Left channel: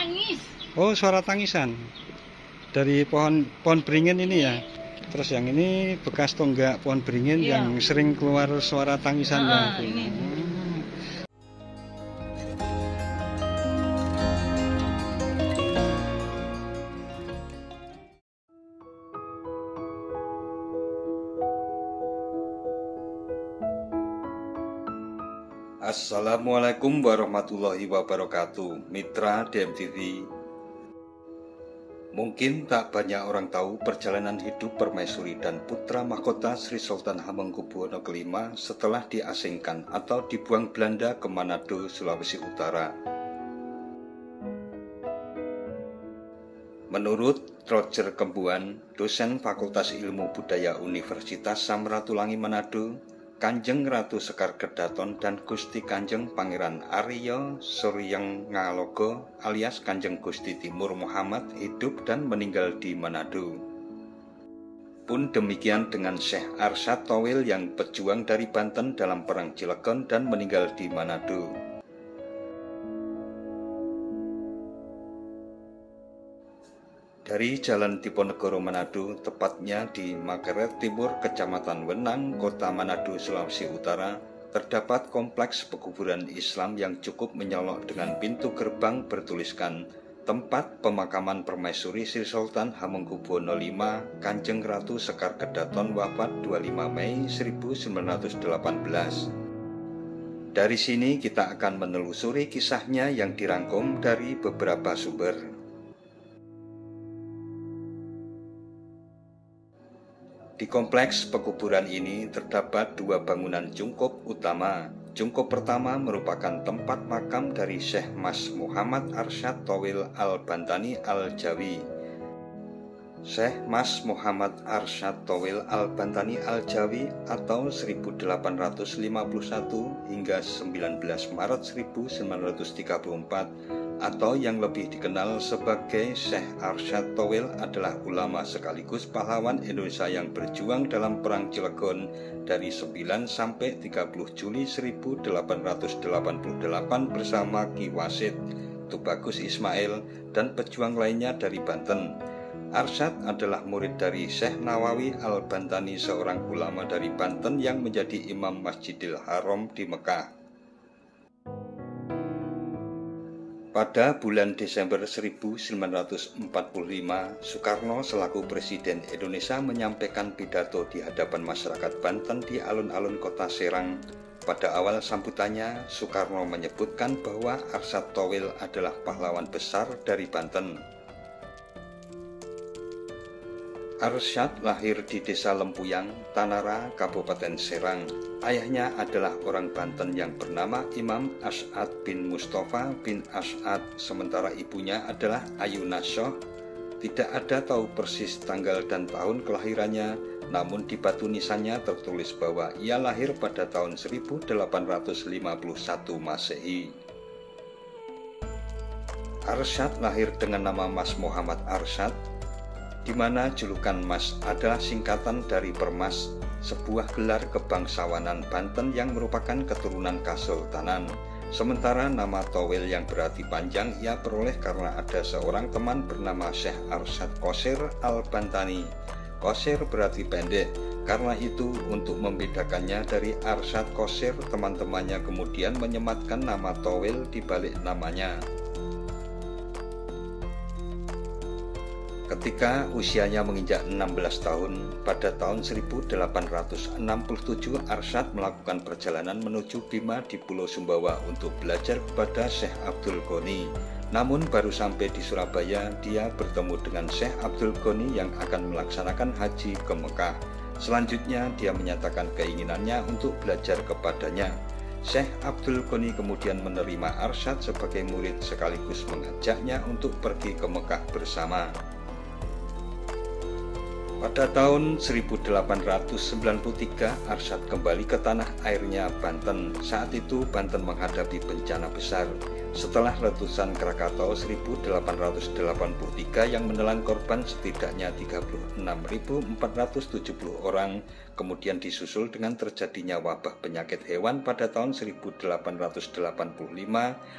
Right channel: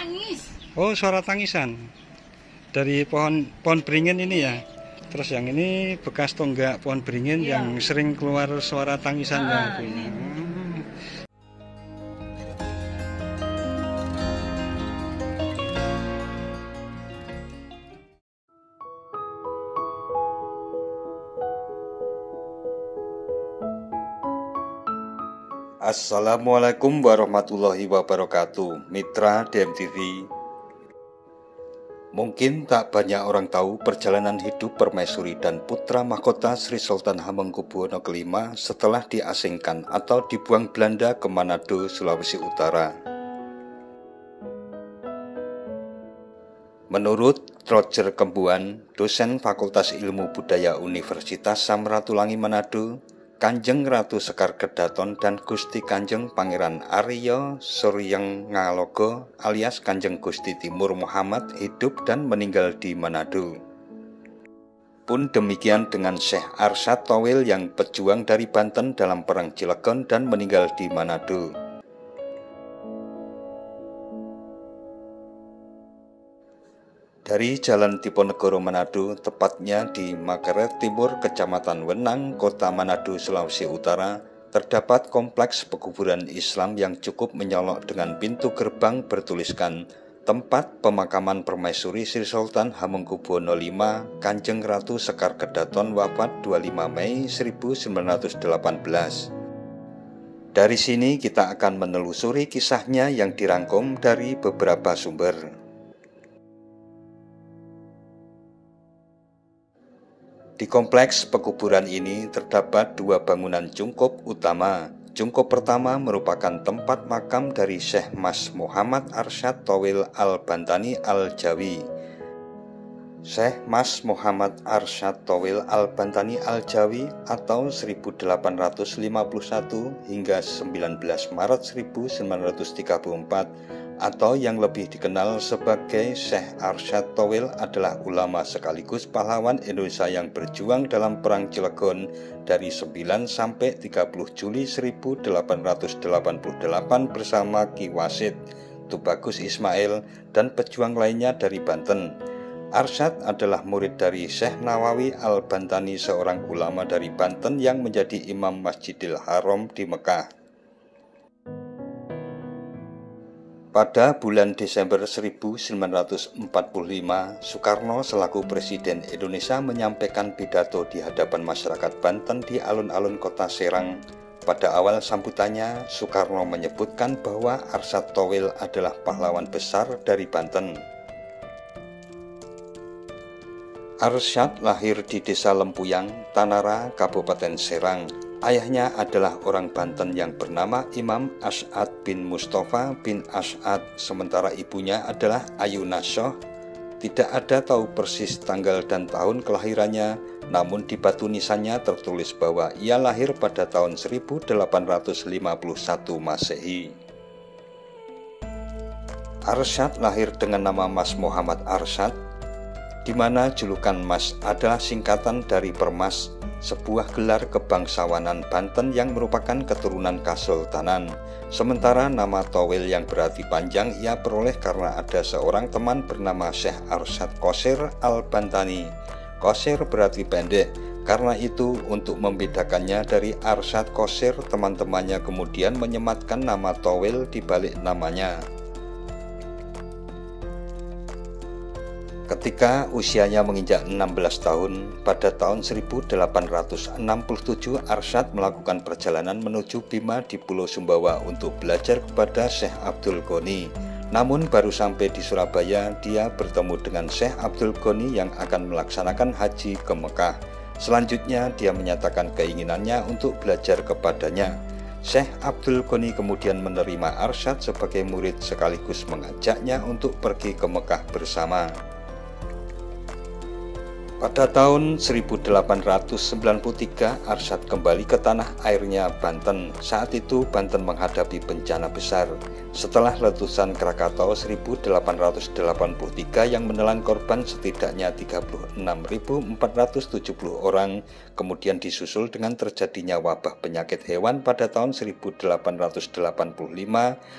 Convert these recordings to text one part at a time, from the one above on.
tangis. Oh, suara tangisan dari pohon beringin ini ya. Terus yang ini bekas tonggak pohon beringin yang sering keluar suara tangisannya. Ini. Assalamualaikum warahmatullahi wabarakatuh. Mitra DMTV. Mungkin tak banyak orang tahu perjalanan hidup permaisuri dan putra mahkota Sri Sultan Hamengkubuwono ke-5 setelah diasingkan atau dibuang Belanda ke Manado, Sulawesi Utara. Menurut Roger Kembuan, dosen Fakultas Ilmu Budaya Universitas Samratulangi Manado, Kanjeng Ratu Sekar Kedaton dan Gusti Kanjeng Pangeran Arya Suryeng Ngalogo alias Kanjeng Gusti Timur Muhammad hidup dan meninggal di Manado. Pun demikian dengan Syekh Arsyad Towil yang pejuang dari Banten dalam Perang Cilegon dan meninggal di Manado. Dari Jalan Diponegoro Manado, tepatnya di Makaret Timur, Kecamatan Wenang, Kota Manado, Sulawesi Utara, terdapat kompleks pekuburan Islam yang cukup menyolok dengan pintu gerbang bertuliskan Tempat Pemakaman Permaisuri Sri Sultan Hamengkubuwono V, Kanjeng Ratu Sekar Kedaton wafat 25 Mei 1918. Dari sini kita akan menelusuri kisahnya yang dirangkum dari beberapa sumber. Di kompleks pekuburan ini terdapat dua bangunan cungkup utama. Cungkup pertama merupakan tempat makam dari Syekh Mas Muhammad Arsyad Towil Al-Bantani Al-Jawi. Syekh Mas Muhammad Arsyad Towil Al-Bantani Al-Jawi atau 1851 hingga 19 Maret 1934 atau yang lebih dikenal sebagai Syekh Arsyad Towil adalah ulama sekaligus pahlawan Indonesia yang berjuang dalam Perang Cilegon dari 9 sampai 30 Juli 1888 bersama Ki Wasid, Tubagus Ismail, dan pejuang lainnya dari Banten. Arsyad adalah murid dari Syekh Nawawi Al-Bantani, seorang ulama dari Banten yang menjadi imam Masjidil Haram di Mekah. Pada bulan Desember 1945, Soekarno selaku Presiden Indonesia menyampaikan pidato di hadapan masyarakat Banten di alun-alun kota Serang. Pada awal sambutannya, Soekarno menyebutkan bahwa Arsyad Towil adalah pahlawan besar dari Banten. Arsyad lahir di Desa Lempuyang, Tanara, Kabupaten Serang. Ayahnya adalah orang Banten yang bernama Imam As'ad bin Mustafa bin As'ad, sementara ibunya adalah Ayuna Shoh. Tidak ada tahu persis tanggal dan tahun kelahirannya, namun di batu nisannya tertulis bahwa ia lahir pada tahun 1851 Masehi. Arsyad lahir dengan nama Mas Muhammad Arsyad, di mana julukan Mas adalah singkatan dari Permas, sebuah gelar kebangsawanan Banten yang merupakan keturunan Kesultanan. Sementara nama Towil yang berarti panjang ia peroleh karena ada seorang teman bernama Syekh Arsyad Qosir Al-Bantani. Qosir berarti pendek, karena itu untuk membedakannya dari Arsyad Qosir, teman-temannya kemudian menyematkan nama Towil di balik namanya. Ketika usianya menginjak 16 tahun, pada tahun 1867 Arsyad melakukan perjalanan menuju Bima di Pulau Sumbawa untuk belajar kepada Syekh Abdul Ghani. Namun baru sampai di Surabaya, dia bertemu dengan Syekh Abdul Ghani yang akan melaksanakan haji ke Mekah. Selanjutnya dia menyatakan keinginannya untuk belajar kepadanya. Syekh Abdul Ghani kemudian menerima Arsyad sebagai murid sekaligus mengajaknya untuk pergi ke Mekah bersama. Pada tahun 1893, Arsyad kembali ke tanah airnya Banten. Saat itu Banten menghadapi bencana besar setelah letusan Krakatau 1883 yang menelan korban setidaknya 36.470 orang, kemudian disusul dengan terjadinya wabah penyakit hewan pada tahun 1885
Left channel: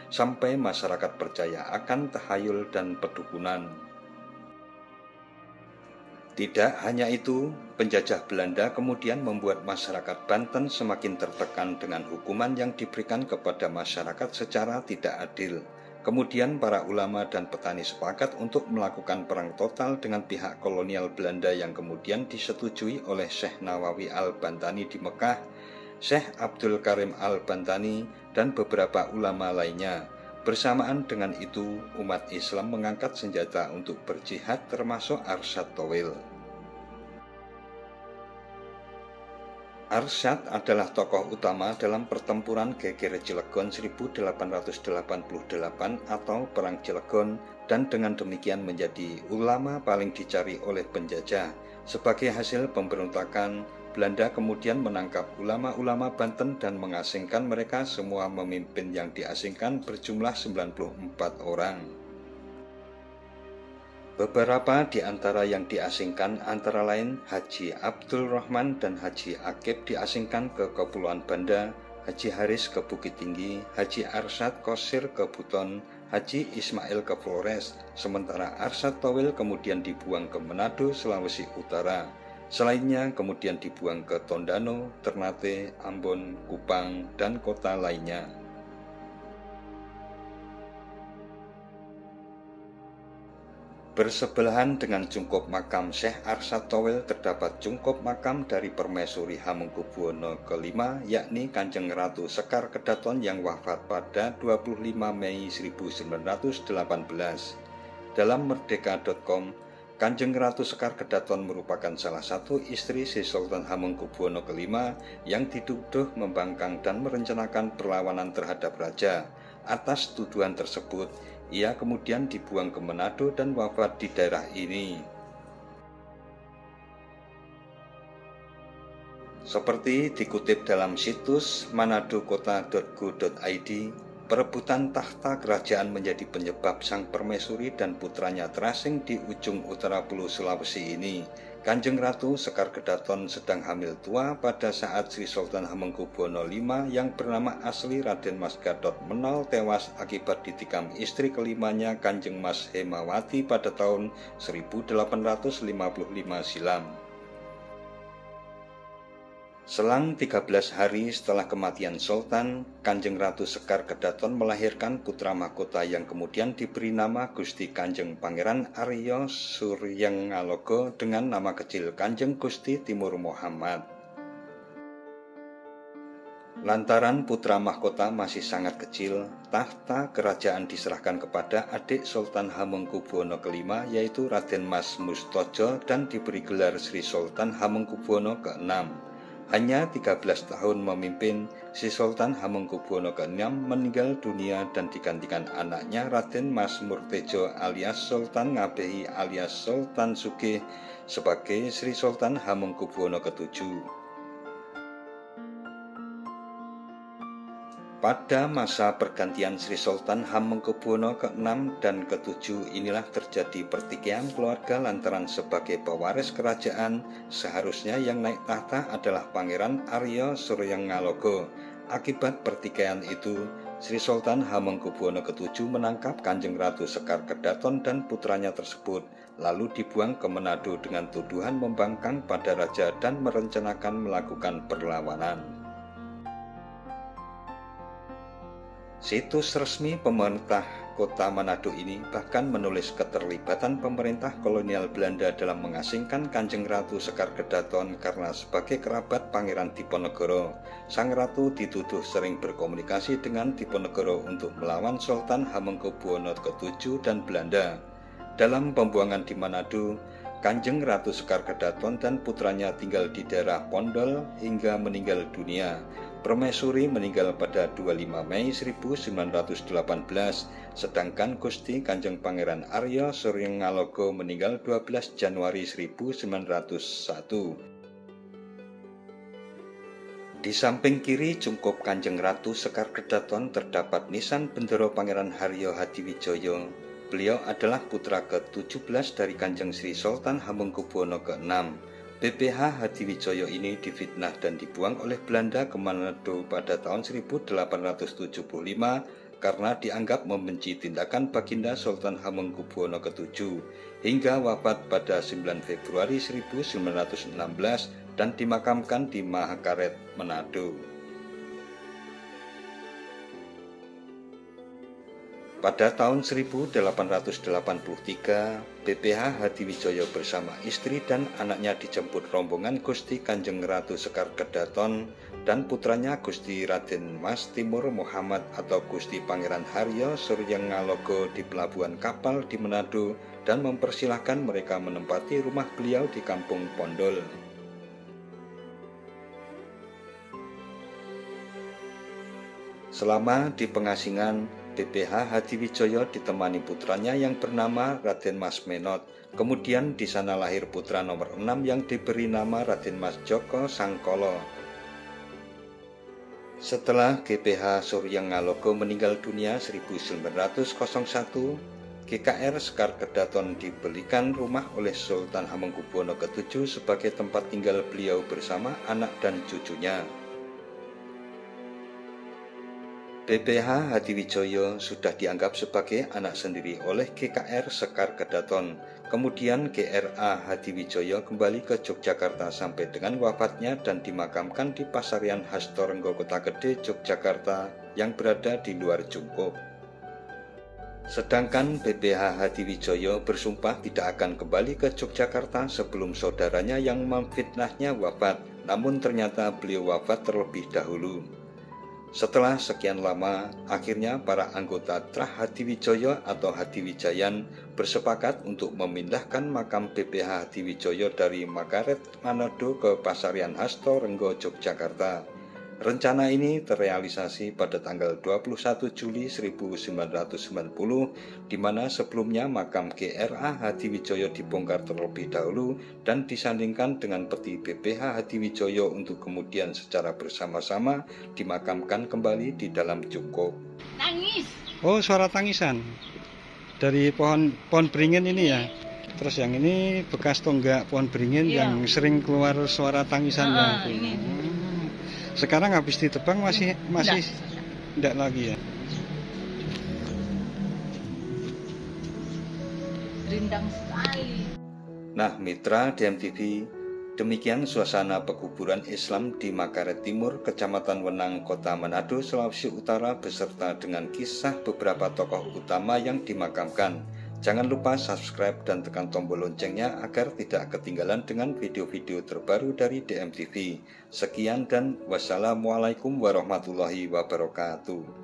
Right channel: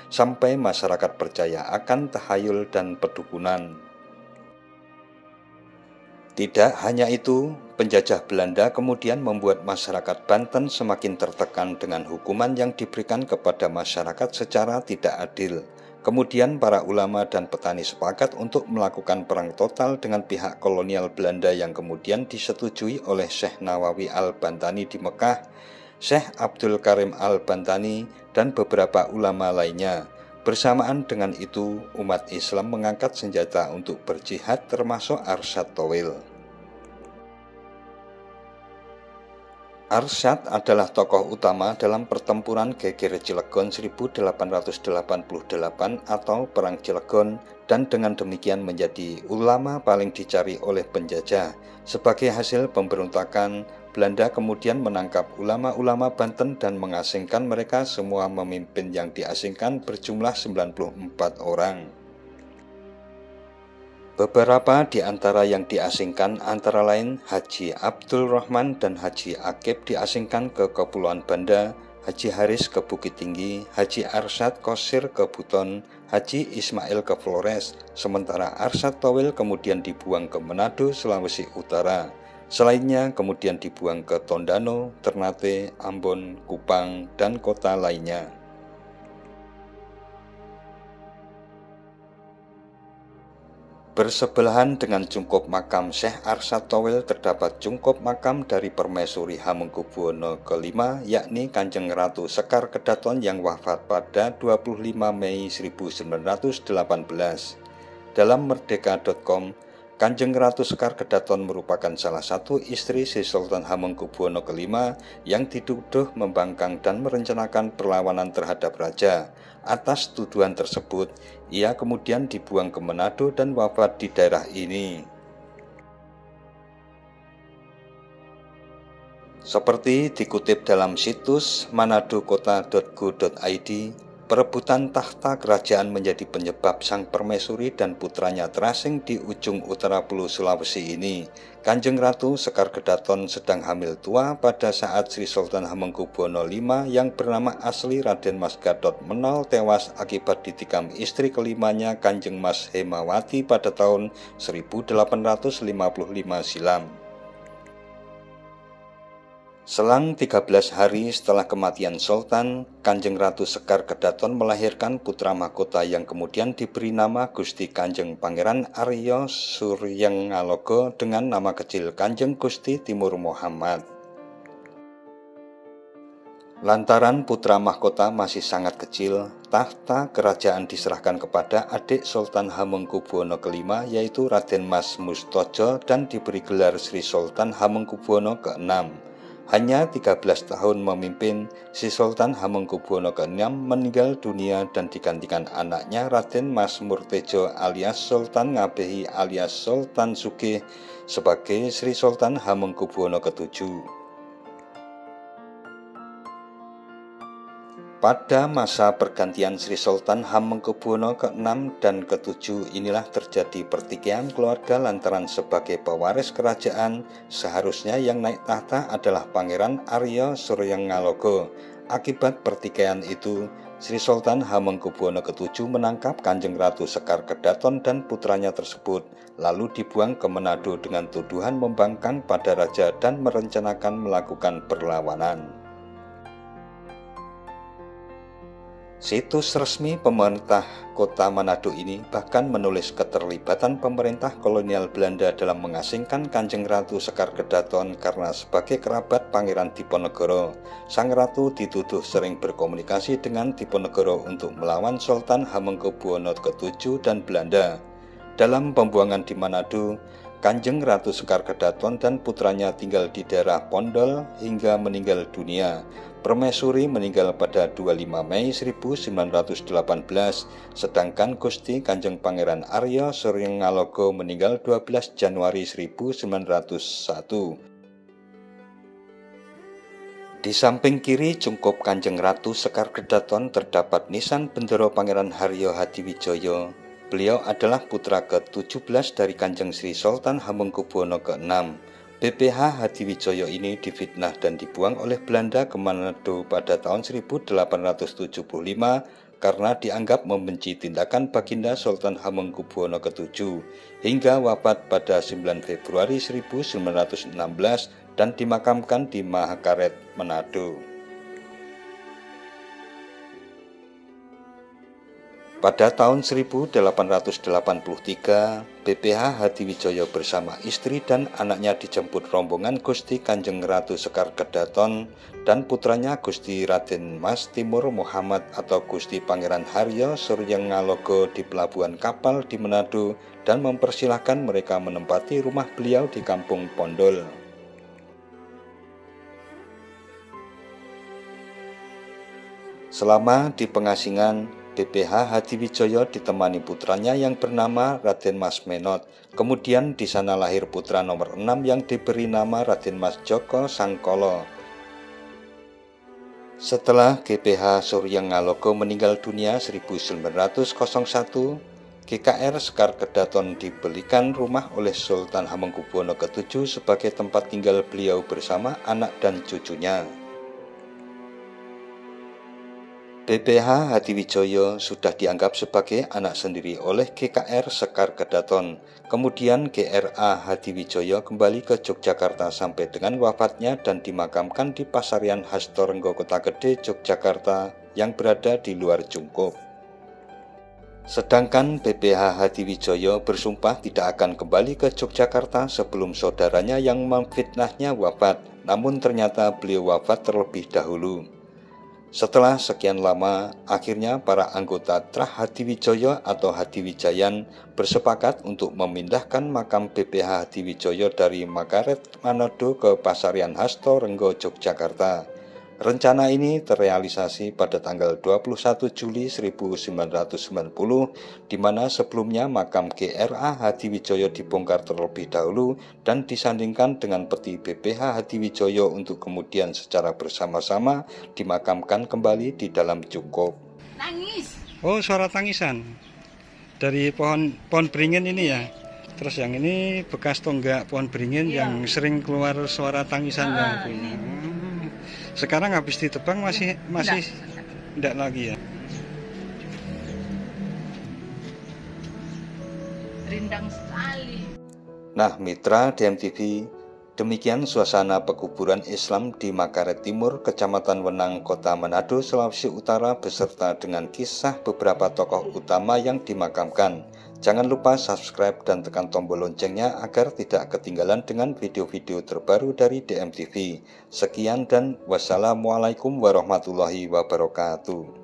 sampai masyarakat percaya akan tahayul dan pedukunan. Tidak hanya itu, penjajah Belanda kemudian membuat masyarakat Banten semakin tertekan dengan hukuman yang diberikan kepada masyarakat secara tidak adil. Kemudian para ulama dan petani sepakat untuk melakukan perang total dengan pihak kolonial Belanda yang kemudian disetujui oleh Syekh Nawawi Al-Bantani di Mekah, Syekh Abdul Karim Al-Bantani, dan beberapa ulama lainnya. Bersamaan dengan itu, umat Islam mengangkat senjata untuk berjihad termasuk Arsyad Towil. Arsyad adalah tokoh utama dalam pertempuran Geger Cilegon 1888 atau Perang Cilegon, dan dengan demikian menjadi ulama paling dicari oleh penjajah. Sebagai hasil pemberontakan, Belanda kemudian menangkap ulama-ulama Banten dan mengasingkan mereka. Semua pemimpin yang diasingkan berjumlah 94 orang. Beberapa di antara yang diasingkan antara lain Haji Abdul Rahman dan Haji Akib diasingkan ke Kepulauan Banda, Haji Haris ke Bukit Tinggi, Haji Arsyad Qosir ke Buton, Haji Ismail ke Flores, sementara Arsyad Towil kemudian dibuang ke Manado, Sulawesi Utara. Selainnya kemudian dibuang ke Tondano, Ternate, Ambon, Kupang, dan kota lainnya. Bersebelahan dengan cungkup makam Syekh Arsyad Towil terdapat cungkup makam dari Permaisuri Hamengkubuwono ke-5, yakni Kanjeng Ratu Sekar Kedaton yang wafat pada 25 Mei 1918. Dalam merdeka.com, Kanjeng Ratu Sekar Kedaton merupakan salah satu istri Sri Sultan Hamengkubuwono ke-5 yang dituduh membangkang dan merencanakan perlawanan terhadap raja. Atas tuduhan tersebut, ia kemudian dibuang ke Manado dan wafat di daerah ini. Seperti dikutip dalam situs manadokota.go.id, perebutan tahta kerajaan menjadi penyebab sang permaisuri dan putranya terasing di ujung utara Pulau Sulawesi ini. Kanjeng Ratu Sekar Kedaton sedang hamil tua pada saat Sri Sultan Hamengkubuwono V yang bernama asli Raden Mas Gatot Menol tewas akibat ditikam istri kelimanya Kanjeng Mas Hemawati pada tahun 1855 silam. Selang 13 hari setelah kematian Sultan, Kanjeng Ratu Sekar Kedaton melahirkan putra mahkota yang kemudian diberi nama Gusti Kanjeng Pangeran Arya Suryangaloga dengan nama kecil Kanjeng Gusti Timur Muhammad. Lantaran putra mahkota masih sangat kecil, tahta kerajaan diserahkan kepada adik Sultan Hamengkubuwono ke-5 yaitu Raden Mas Mustojo dan diberi gelar Sri Sultan Hamengkubuwono ke-6. Hanya 13 tahun memimpin, Sri Sultan Hamengkubuwono ke-6 meninggal dunia dan digantikan anaknya Raden Mas Murtejo alias Sultan Ngabehi alias Sultan Sugih sebagai Sri Sultan Hamengkubuwono ke-7. Pada masa pergantian Sri Sultan Hamengkubuwono ke-6 dan ke-7 inilah terjadi pertikaian keluarga lantaran sebagai pewaris kerajaan seharusnya yang naik tahta adalah Pangeran Arya Suryangaloga. Akibat pertikaian itu, Sri Sultan Hamengkubuwono ke-7 menangkap Kanjeng Ratu Sekar Kedaton dan putranya tersebut, lalu dibuang ke Manado dengan tuduhan membangkang pada raja dan merencanakan melakukan perlawanan. Situs resmi pemerintah kota Manado ini bahkan menulis keterlibatan pemerintah kolonial Belanda dalam mengasingkan Kanjeng Ratu Sekar Kedaton karena sebagai kerabat Pangeran Diponegoro, sang ratu dituduh sering berkomunikasi dengan Diponegoro untuk melawan Sultan Hamengkubuwono ke-7 dan Belanda. Dalam pembuangan di Manado, Kanjeng Ratu Sekar Kedaton dan putranya tinggal di daerah Pondol hingga meninggal dunia. Permaisuri meninggal pada 25 Mei 1918, sedangkan Gusti Kanjeng Pangeran Arya Suryangaloga meninggal 12 Januari 1901. Di samping kiri cungkup Kanjeng Ratu Sekar Kedaton terdapat nisan bendera Pangeran Haryo Hadiwijaya. Beliau adalah putra ke-17 dari Kanjeng Sri Sultan Hamengkubuwono ke-6. BPH Hadiwijaya ini difitnah dan dibuang oleh Belanda ke Manado pada tahun 1875 karena dianggap membenci tindakan Baginda Sultan Hamengkubuwono ke-7 hingga wafat pada 9 Februari 1916 dan dimakamkan di Mahakaret, Manado. Pada tahun 1883, BPH Hadiwijaya bersama istri dan anaknya dijemput rombongan Gusti Kanjeng Ratu Sekar Kedaton dan putranya Gusti Raden Mas Timur Muhammad atau Gusti Pangeran Haryo Suryangaloga di pelabuhan kapal di Manado dan mempersilahkan mereka menempati rumah beliau di Kampung Pondol. Selama di pengasingan, BPH Hadiwijaya ditemani putranya yang bernama Raden Mas Menot. Kemudian di sana lahir putra nomor 6 yang diberi nama Raden Mas Joko Sangkolo. Setelah GPH Suryangaloga meninggal dunia 1901, GKR Sekar Kedaton dibelikan rumah oleh Sultan Hamengkubuwono ke-7 sebagai tempat tinggal beliau bersama anak dan cucunya. BPH Hadiwijaya sudah dianggap sebagai anak sendiri oleh GKR Sekar Kedaton. Kemudian GRA Hadiwijaya kembali ke Yogyakarta sampai dengan wafatnya dan dimakamkan di Pasarian Hastorenggo Kota Gede, Yogyakarta yang berada di luar Cungkup. Sedangkan BPH Hadiwijaya bersumpah tidak akan kembali ke Yogyakarta sebelum saudaranya yang memfitnahnya wafat, namun ternyata beliau wafat terlebih dahulu. Setelah sekian lama, akhirnya para anggota Trah Hadiwijaya atau Hadiwijayan bersepakat untuk memindahkan makam BPH Hadiwijaya dari Mahakaret, Manado ke Pasarian Hastorenggo, Yogyakarta. Rencana ini terrealisasi pada tanggal 21 Juli 1990, di mana sebelumnya makam GRA Hadiwijaya dibongkar terlebih dahulu dan disandingkan dengan peti BPH Hadiwijaya untuk kemudian secara bersama-sama dimakamkan kembali di dalam Cungkup. Tangis. Oh, suara tangisan dari pohon beringin ini ya. Terus yang ini bekas tonggak pohon beringin yang sering keluar suara tangisannya. Sekarang habis ditebang masih enggak lagi ya. Rindang sekali. Nah, mitra DMTV, demikian suasana pekuburan Islam di Mahakaret Timur, Kecamatan Wenang, Kota Manado, Sulawesi Utara beserta dengan kisah beberapa tokoh utama yang dimakamkan. Jangan lupa subscribe dan tekan tombol loncengnya agar tidak ketinggalan dengan video-video terbaru dari DMTV. Sekian dan wassalamualaikum warahmatullahi wabarakatuh.